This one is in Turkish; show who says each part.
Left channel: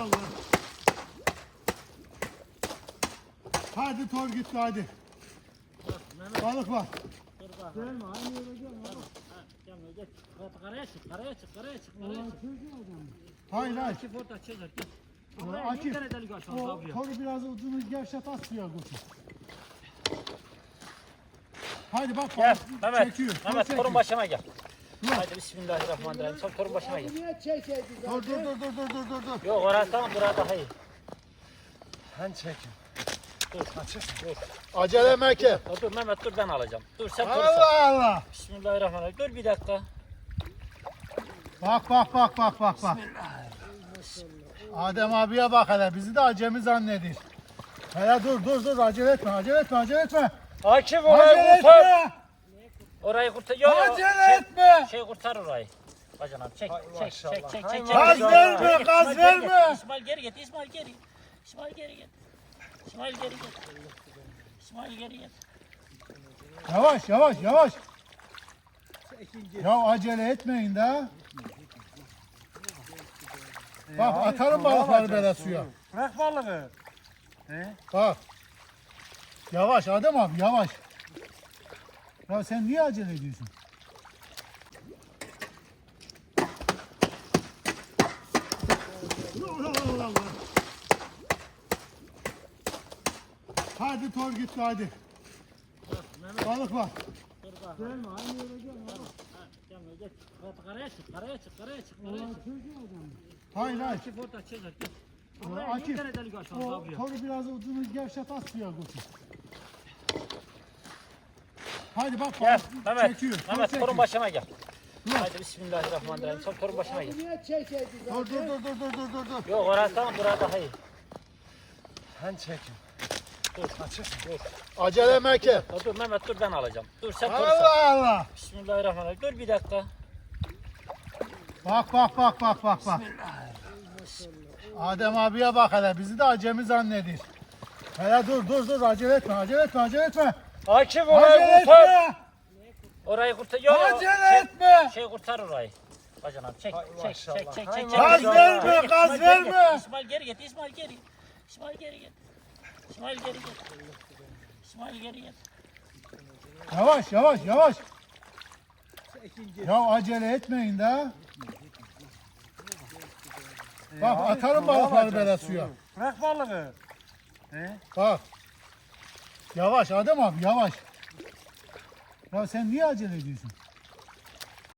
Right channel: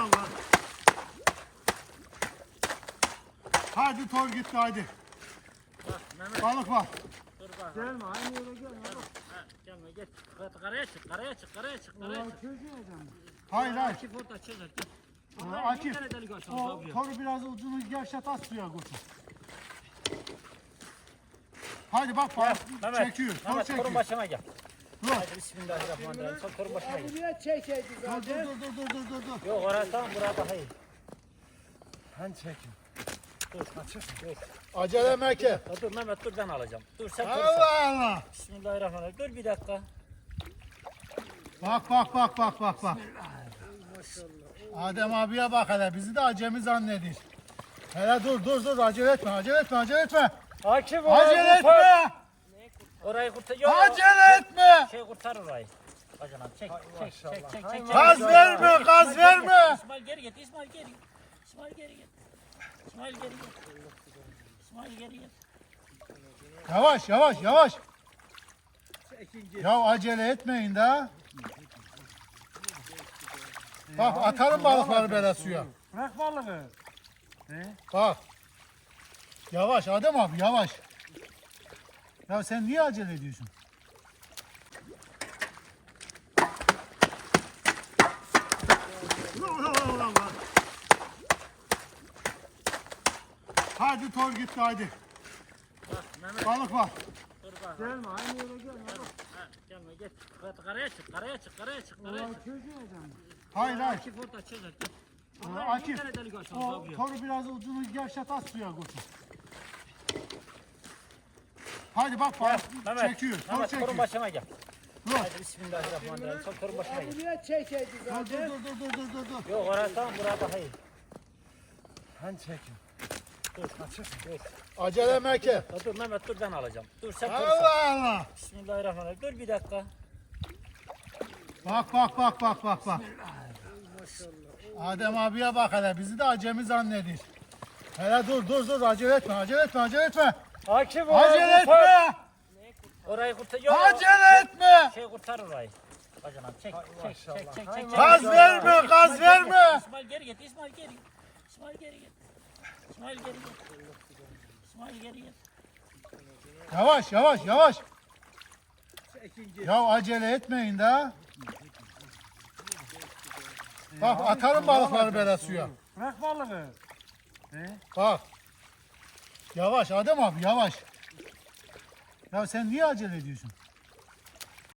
Speaker 1: var. Hadi tor gitti hadi. Balık var.
Speaker 2: Gelme aynı yere gelme.
Speaker 3: Gelme git. Karaya çık, karaya çık, karaya çık, karaya çık.
Speaker 1: Hayır hayır.
Speaker 3: Akif orada çıkar git.
Speaker 1: Akif,
Speaker 3: Bir tane delik açalım
Speaker 1: o
Speaker 3: abiye.
Speaker 1: toru biraz ucunu gevşet at suya koçum. Hadi bak balık çekiyor. Tor
Speaker 3: Mehmet
Speaker 1: çekiyor.
Speaker 3: torun başına gel.
Speaker 1: Dur.
Speaker 3: Hadi bismillahirrahmanirrahim. Sen torun başına gel.
Speaker 2: Niye çekeydi
Speaker 1: Dur.
Speaker 3: Yok orası tamam burası daha iyi.
Speaker 1: Ben çekeyim.
Speaker 3: Dur. Dur.
Speaker 1: Acele meke.
Speaker 3: Dur Mehmet dur ben alacağım. Dur sen dur sen.
Speaker 1: Allah Allah.
Speaker 3: Bismillahirrahmanirrahim. Dur bir dakika.
Speaker 1: Bak. Adem abiye bak hele bizi de acemi zannedir. Hele dur acele etme.
Speaker 3: Akif
Speaker 1: Acele etme.
Speaker 3: Orayı kurtar. Yok.
Speaker 1: Acele etme.
Speaker 3: Şey kurtar orayı. Bacanam çek.
Speaker 1: Gaz verme.
Speaker 3: İsmail geri git. İsmail geri git. İsmail geri git.
Speaker 1: Yavaş. Ya acele etmeyin de. Bak atarım balıkları böyle suya.
Speaker 2: Bırak balığı.
Speaker 1: Bak. Yavaş Adem abi yavaş. Ya sen niye acele ediyorsun? Hadi tor gitti hadi. Balık var.
Speaker 2: Gelme aynı yere gelme.
Speaker 3: Gelme git. Karaya çık.
Speaker 1: Hayır.
Speaker 3: Akif orada çıkar git.
Speaker 1: Akif,
Speaker 3: Bir tane delik açalım
Speaker 1: o
Speaker 3: abiye.
Speaker 1: toru biraz ucunu gevşet at suya koçum. Hadi bak balık çekiyor. Tor
Speaker 3: Mehmet torun
Speaker 1: çekiyor.
Speaker 3: başına gel.
Speaker 1: Dur.
Speaker 3: Hadi bismillahirrahmanirrahim. Sen torun başına gel.
Speaker 2: Niye çekeydi
Speaker 1: Dur.
Speaker 3: Yok orası tamam burası daha iyi.
Speaker 1: Ben çekeyim.
Speaker 3: Dur.
Speaker 1: Acele meke.
Speaker 3: Dur Mehmet dur ben alacağım. Dur sen dur sen.
Speaker 1: Allah.
Speaker 3: Bismillahirrahmanirrahim. Dur bir dakika.
Speaker 1: Bak. Adem abiye bak hele bizi de acemi zannedir. Hele dur acele etme.
Speaker 3: Akif
Speaker 1: Acele etme.
Speaker 3: Orayı kurtar. Yok.
Speaker 1: Acele etme.
Speaker 3: Şey kurtar orayı. Bacanam çek.
Speaker 1: Gaz verme.
Speaker 3: İsmail geri git. İsmail geri git.
Speaker 1: Yavaş. Ya acele etmeyin de. Bak atarım balıkları böyle suya.
Speaker 2: Bırak balığı.
Speaker 1: Bak. Yavaş Adem abi yavaş. Ya sen niye acele ediyorsun?